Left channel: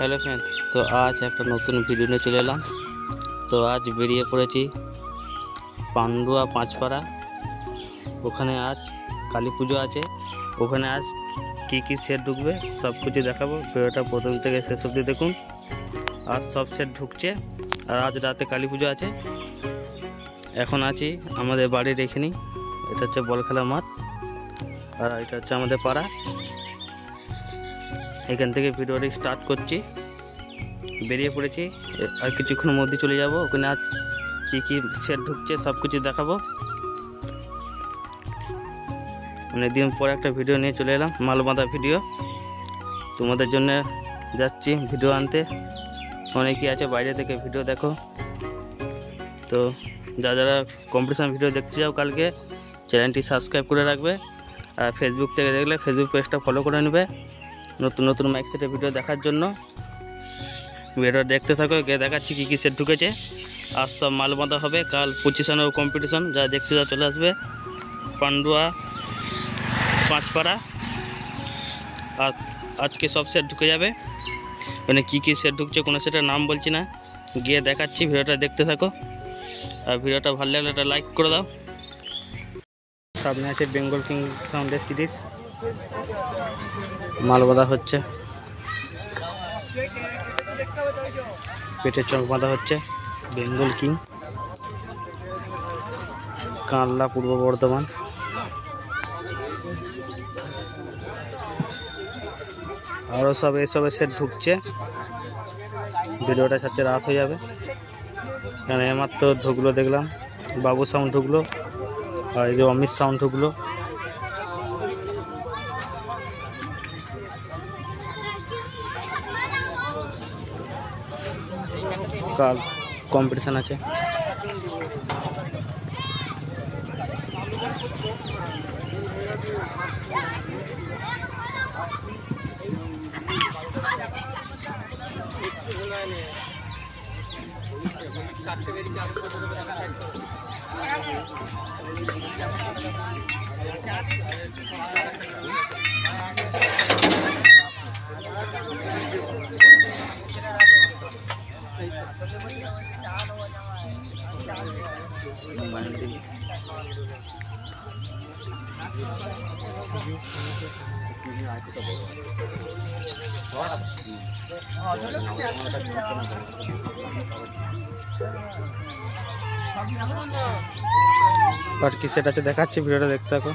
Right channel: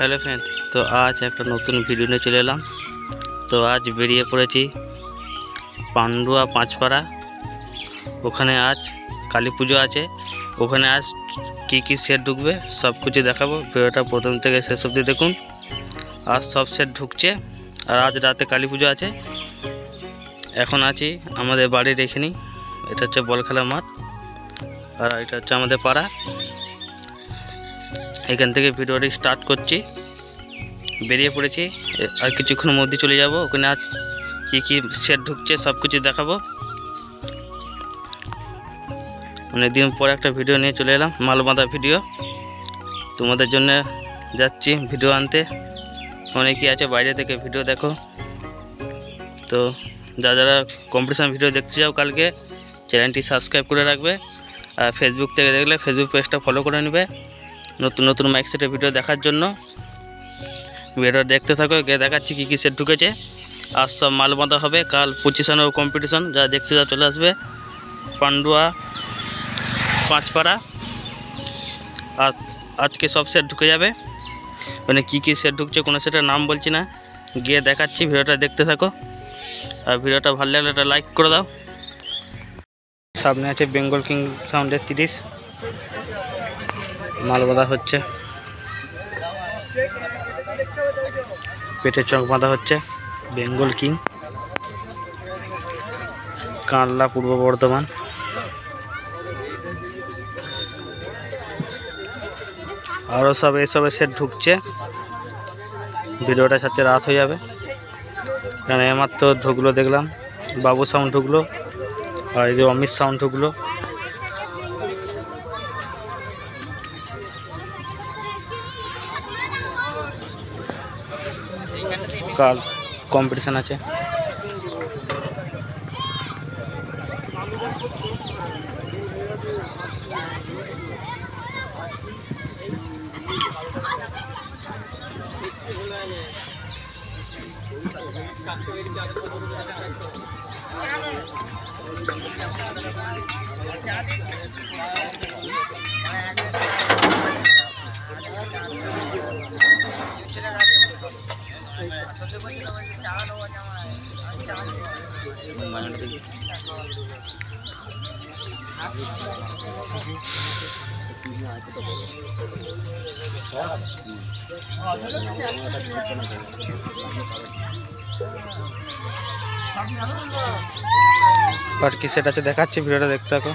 Hello friend, तो आज एक नतून भिडियो निये चले एलाम। तो आज बेरिए पड़ेছি पांडुआ पाँचपाड़ा। ओखाने आज काली पुजो आछे। ओखाने आज की सेट ढुकबे सब कुछ देखाबो। भिडियोटा प्रथम थेके शेष अब्दि देखुन। आज सब सेट ढुकছে और आज राते काली पुजो आछे। এখন আছি আমাদের বাড়ির এখানেই। এটা হচ্ছে বল খেলা মাঠ আর এটা হচ্ছে আমাদের পাড়া। এখান থেকে ভিডিওটি স্টার্ট করছি। বেরিয়ে পড়েছি, আর কিছুক্ষণের মধ্যে চলে যাব। ওখানে আজ কি সেট ঢুকছে সব কিছু দেখাবো। অনেকদিন পর একটা ভিডিও নিয়ে চলে এলাম, মাল বাঁধা ভিডিও। তোমাদের জন্য যাচ্ছি ভিডিও আনতে। অনেকেই আছে বাইরে থেকে ভিডিও দেখো। তো যারা কম্পিটিশন ভিডিও দেখতে চাও কালকে চ্যানেলটি সাবস্ক্রাইব করে রাখবে। আর ফেসবুক থেকে দেখলে ফেসবুক পেজটা ফলো করে নেবে নতুন নতুন মাইক সেটের ভিডিও দেখার জন্য। ভিডিও দেখতে থাকো, গিয়ে দেখাচ্ছি কী সেট ঢুকেছে। আজ সব মাল বাঁধা হবে, কাল পজিশন ও কম্পিটিশন। যারা দেখতে চাও চলে আসবে পান্ডুয়া পাঁচপাড়া। আর আজকে সব সেট ঢুকে যাবে। মানে কী সেট ঢুকছে কোনো সেটের নাম বলছি না, গিয়ে দেখাচ্ছি। ভিডিওটা দেখতে থাকো আর ভিডিওটা ভালো লাগলে একটা লাইক করে দাও। সামনে আছে বেঙ্গল কিং সাউন্ডের 30 মাল বাঁধা হচ্ছে। পেটের চক বাঁধা হচ্ছে বেঙ্গল কিং, কানলা, পূর্ব বর্ধমান। আরও সব এসবের সেট ঢুকছে। ভিডিওটা সাথে রাত হয়ে যাবে, কারণ এইমাত্র ঢুকলো দেখলাম। বাবু সাউন্ড ঢুকলো আর এই যে অমিত সাউন্ড ঢুকলো। কাল কম্পিটিশন আছে। আর কি সেট আছে দেখাচ্ছি, ভিডিওটা দেখতে থাকো।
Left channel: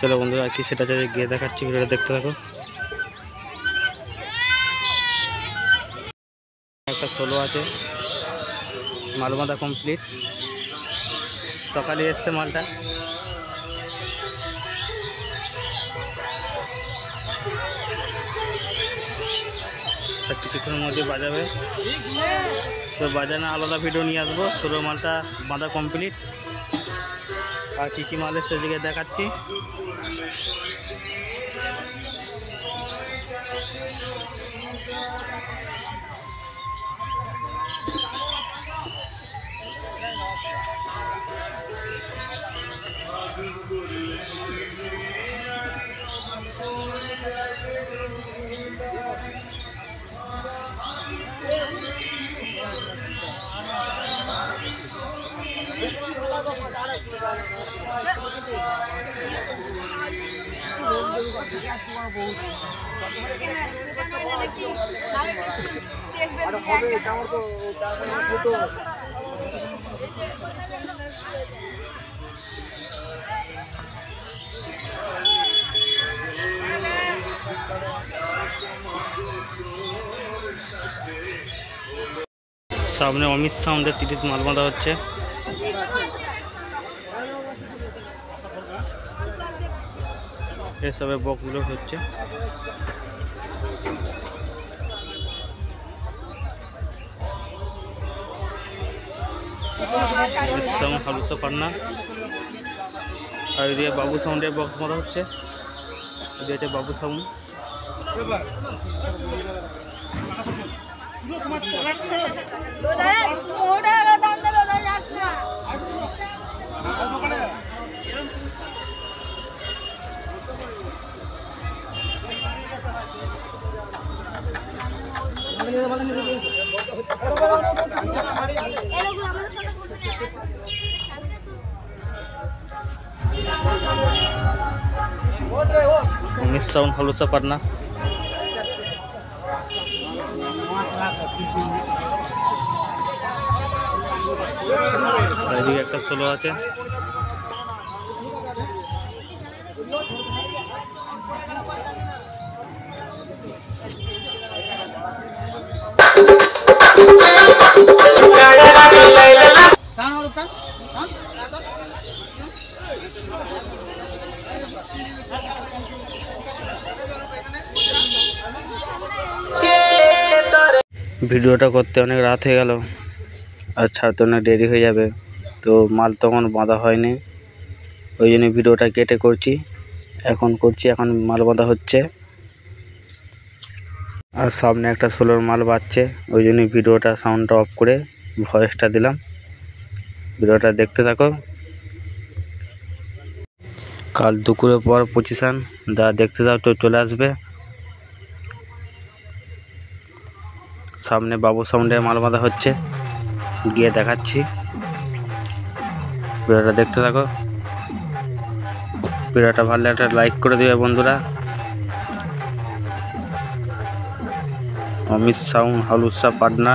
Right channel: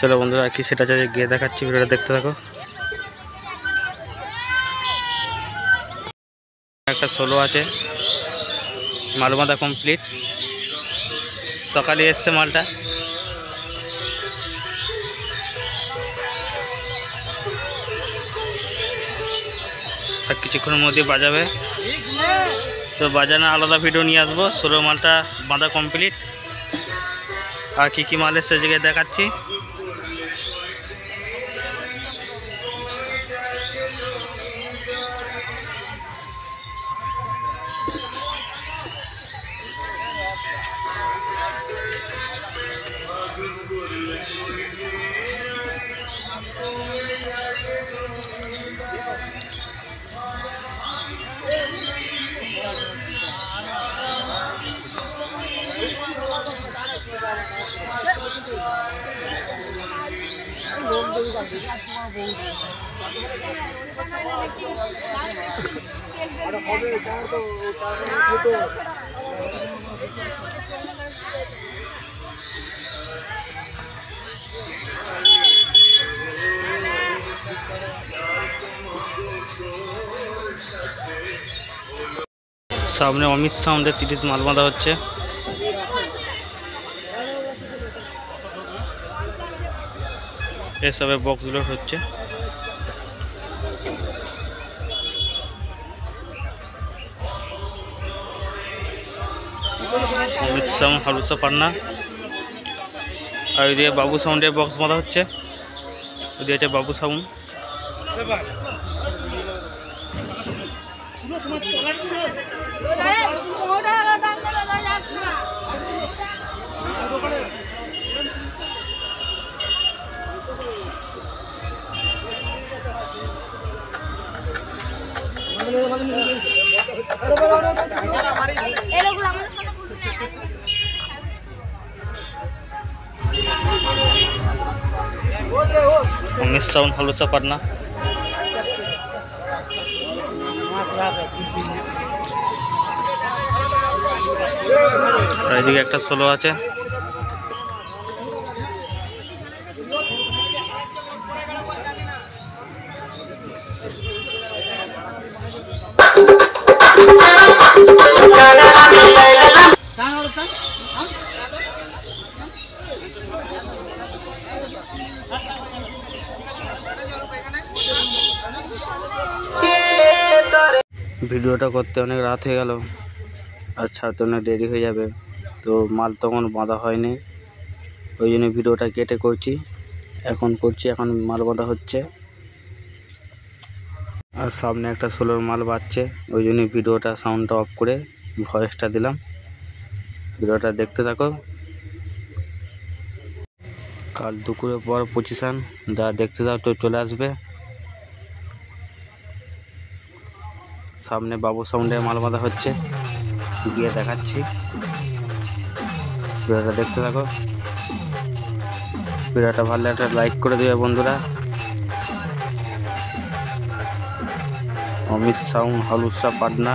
চলো বন্ধুরা, কি সেটা গিয়ে দেখাচ্ছি। ভিডিওটা দেখতে থাকো। একটা 16 আছে, মাল বাঁধা কমপ্লিট। সকালে এসছে মালটা। আর কিছুক্ষণের মধ্যে বাজাবে। তো বাজানো আলাদা ভিডিও নিয়ে আসবো। 16 মালটা বাঁধা কমপ্লিট। আর কি মাল এসছে জায়গায় দেখাচ্ছি। সামনে অমিত সাউন্ডের 30 মাল বাঁধা হচ্ছে। এসবের বক্সগুলো হচ্ছে। অমিত সাউন্ড হালুসা পান্না। আর ওইদিকে বাবু সাউন্ডের বক্স বাঁধা হচ্ছে, ওইদিকে হচ্ছে বাবু সাউন্ড। অমিত সাউন্ড হালুসা পান্না। আর এদিকে একটা সোলো আছে। ভিডিওটা করতে অনেক রাত হয়ে গেল আর ছাড়তে অনেক দেরি হয়ে যাবে, তো মাল তখন বাঁধা হয়নি, ওই জন্য ভিডিওটা কেটে করছি। এখন মাল বাঁধা হচ্ছে আর সামনে একটা সোলোর মাল বাজছে, ওই জন্য ভিডিওটা সাউন্ডটা অফ করে ভয়েসটা দিলাম। ভিডিওটা দেখতে থাকো। কাল দুপুরের পর পজিশন যা দেখতে চাও তো চলে আসবে। সামনে বাবু সাউন্ডের মাল বাঁধা হচ্ছে, গিয়ে দেখাচ্ছি। ভিডিওটা দেখতে থাকো। ভিডিওটা ভালো লাগলে একটা লাইক করে দিবে বন্ধুরা। অমিত সাউন্ড হালুসা পান্না।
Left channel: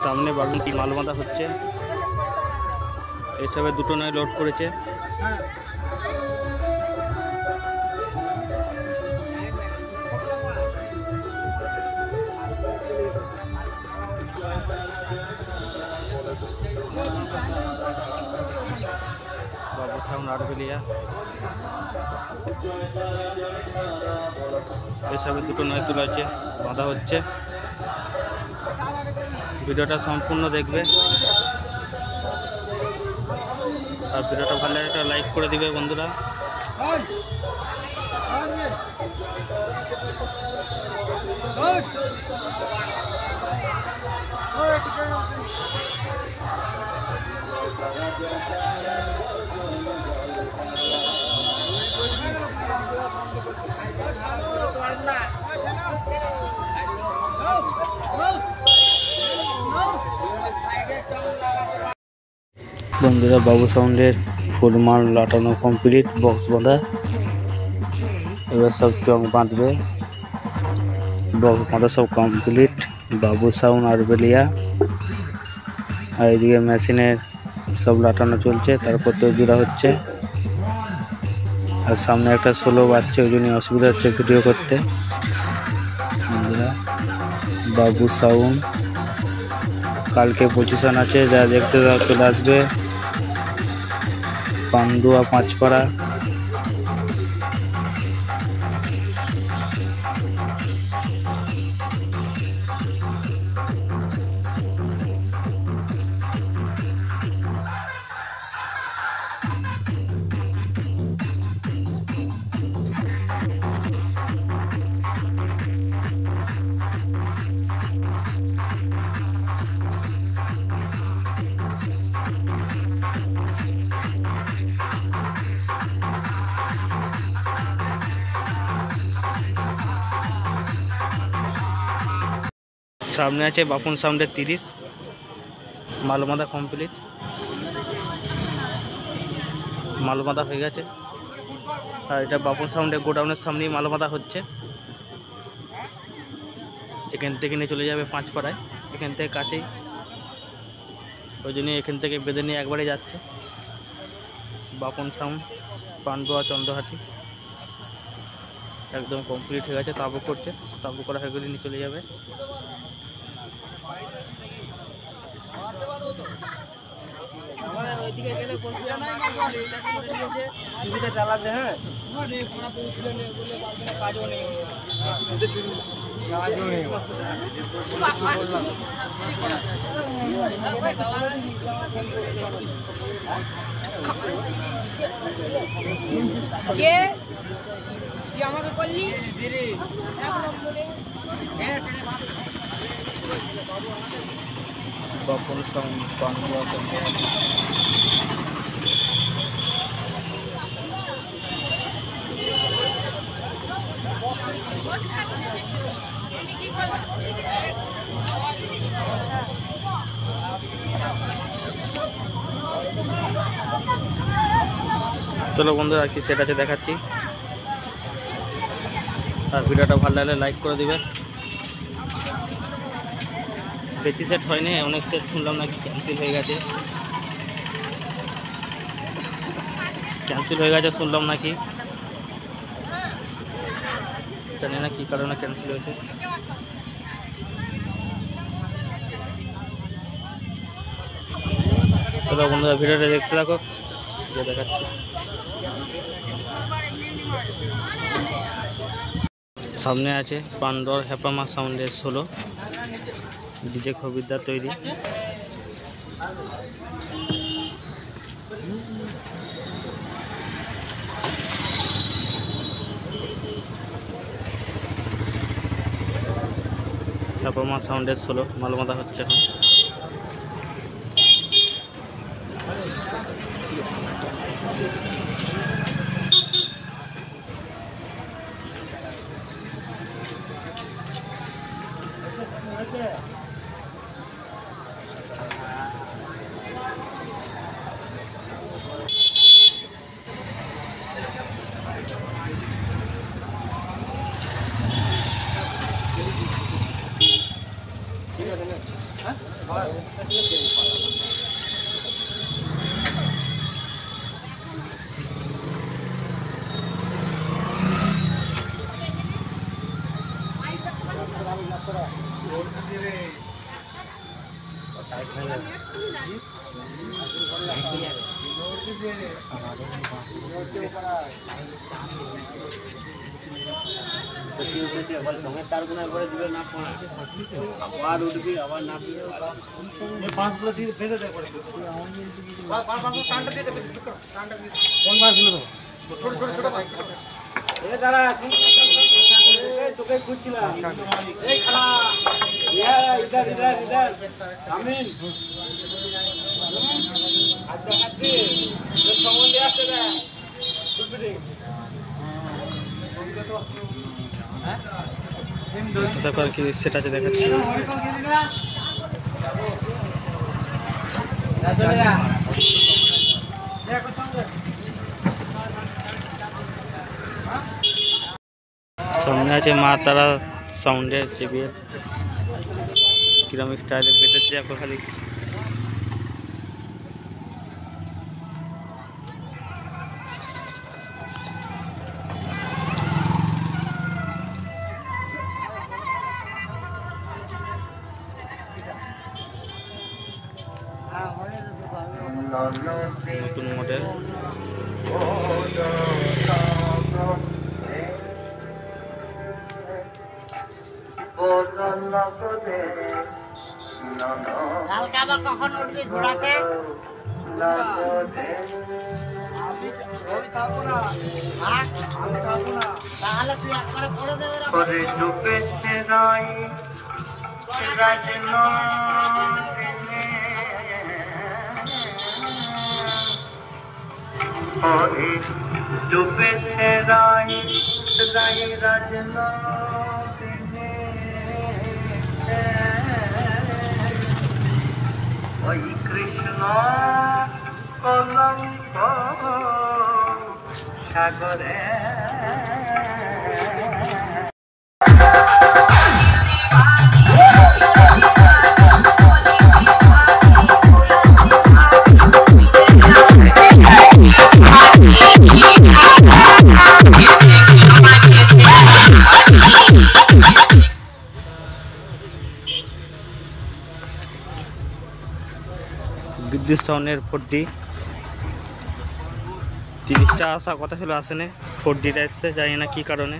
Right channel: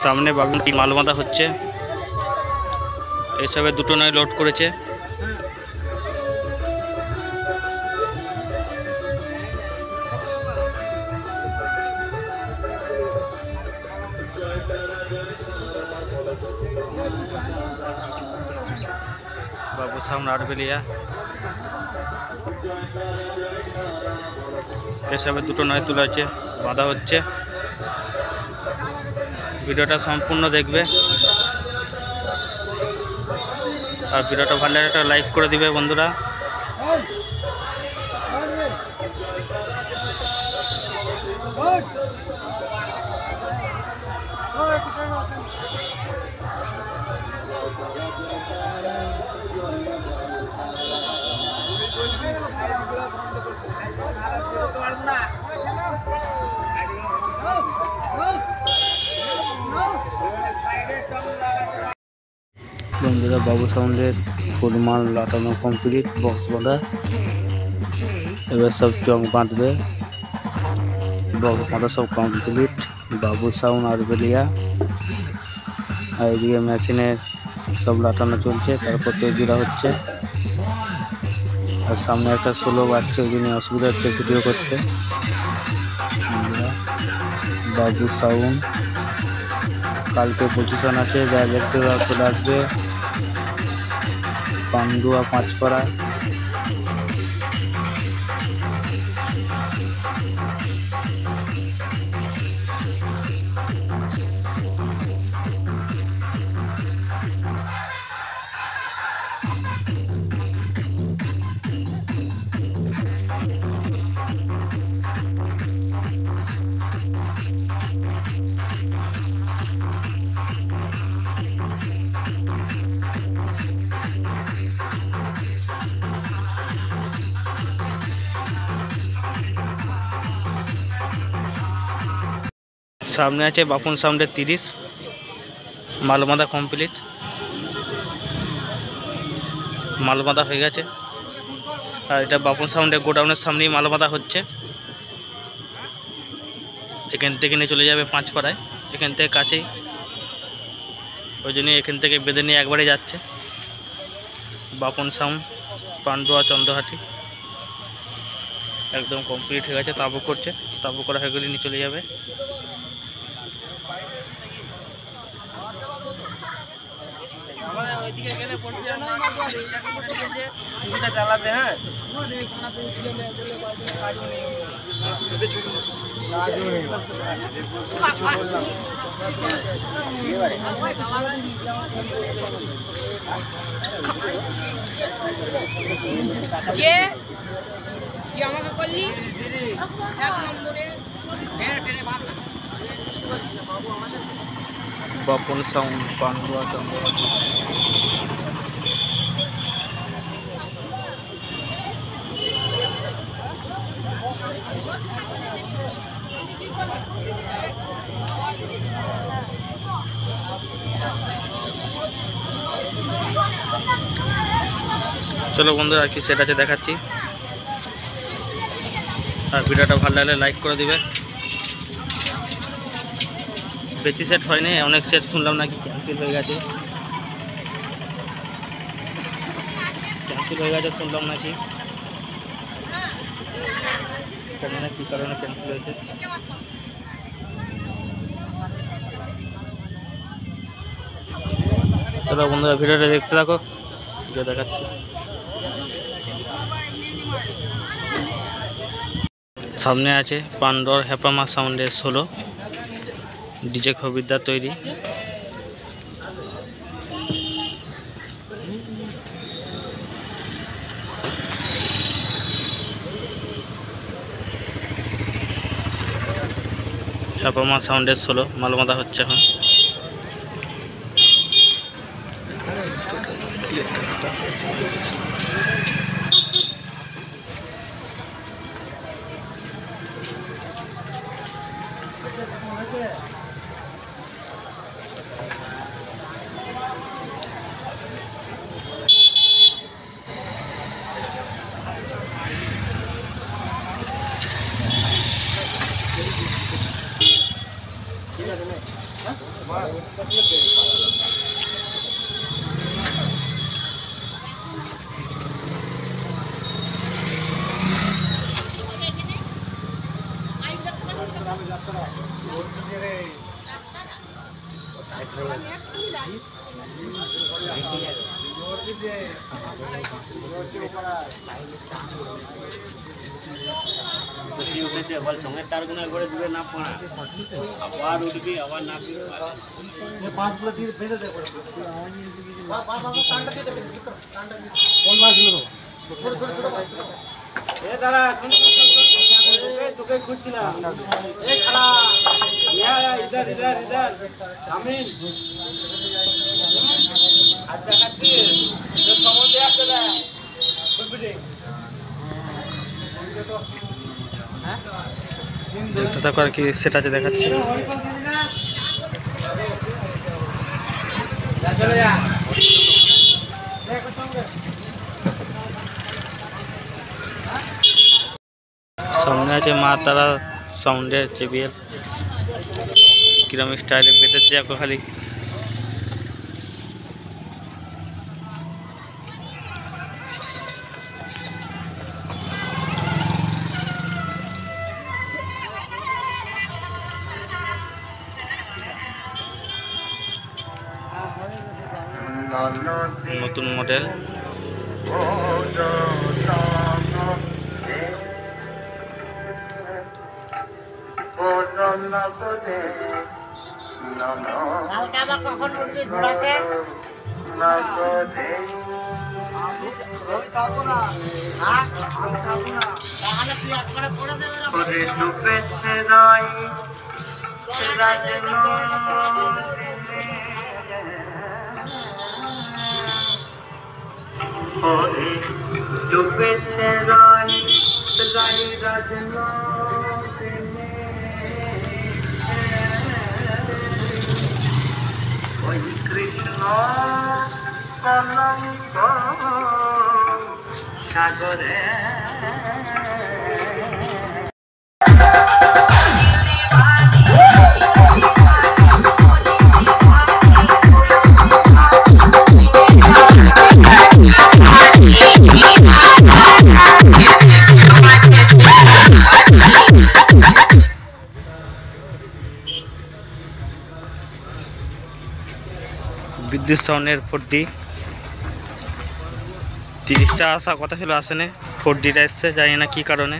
সামনে বাবুর মাল বাঁধা হচ্ছে, এসবে দুটো নয় লোড করেছে। বাবু সাউন্ড আরবেলিয়া, এসবে দুটো নয় তোলা আছে, বাঁধা হচ্ছে। ভিডিওটা সম্পূর্ণ দেখবে আর ভিডিওটা ভালো লাগলে একটা লাইক করে দিবে বন্ধুরা। বন্ধুরা বাবু সাউন্ডের ফুল মাল লাটানো কমপ্লিট, বক্স বাঁধা। এবার সব চং বাঁধবে, বক্স বাঁধা সব কমপ্লিট। বাবু সাউন্ড আরবেলিয়া। আর এইদিকে মেশিনের সব লাটানো চলছে, তারপর তো জোড়া হচ্ছে। আর সামনে একটা সোলো বাজছে, ওই জন্য অসুবিধা হচ্ছে ভিডিও করতে। বন্ধুরা বাবু সাউন্ড কালকে পজিশন আছে, যা দেখতে চলে আসবে। পান্ডুয়া পাঁচপাড়া। সামনে আছে বাপুন সাউন্ডের 30, মাল বাঁধা কমপ্লিট, মাল বাঁধা হয়ে গেছে। আর এটা বাপুন সাউন্ডের গোডাউনের সামনেই মাল বাঁধা হচ্ছে। এখান থেকে নিয়ে চলে যাবে পাঁচপাড়ায়, এখান থেকে কাছেই, ওই জন্য এখান থেকে বেঁধে নিয়ে একবারে যাচ্ছে। বাপুন সাউন্ড, পান্ডুয়া, চন্দ্রহাটি। একদম কমপ্লিট হয়ে গেছে। তাবু করছে, তাবু করা হয়ে গেলে নিয়ে চলে যাবে। চালাতে হ্যাঁ যে যে আমাকে করলি এক নম্বরে বাপন সাউন্ড পান্ডুয়া চন্দ্র। চলো বন্ধুরা, আর কি সেট আছে দেখাচ্ছি। আর ভিডিওটা ভালো লাগলে লাইক করে দিবে। বেশি সেট হয়নি, অনেক সেট শুনলাম নাকি ক্যান্সেল হয়ে গেছে, শুনলাম নাকি, জানি না কী কারণে ক্যান্সেল হয়েছে। চলো বন্ধুরা, ভিডিওটা দেখতে থাকো, যে দেখাচ্ছি। সামনে আছে পান্ডর হ্যাপামা সাউন্ডের 16 ডিজে খবিরদার তৈরি। হ্যাপামা সাউন্ডের 16 মালমাদা হচ্ছে এখন। দেখতে থাকো, আর কি সেটা আছে দেখাচ্ছি। সামনে আছে মা তারা সাউন্ডের JBL, কিরম স্টাইলে বেঁধেছে দেখো খালি। নতুন মডেল। কখন উঠবি ঘোড়াতে? তাহলে তুই এক করে করে দেবে কৃষ্ণ সাগরে Yeah. বিদ্যুৎ সাউন্ডের 4D 30টা আসা কথা ছিল, আসেনি। 4Dটা এসছে, জানি না কী কারণে।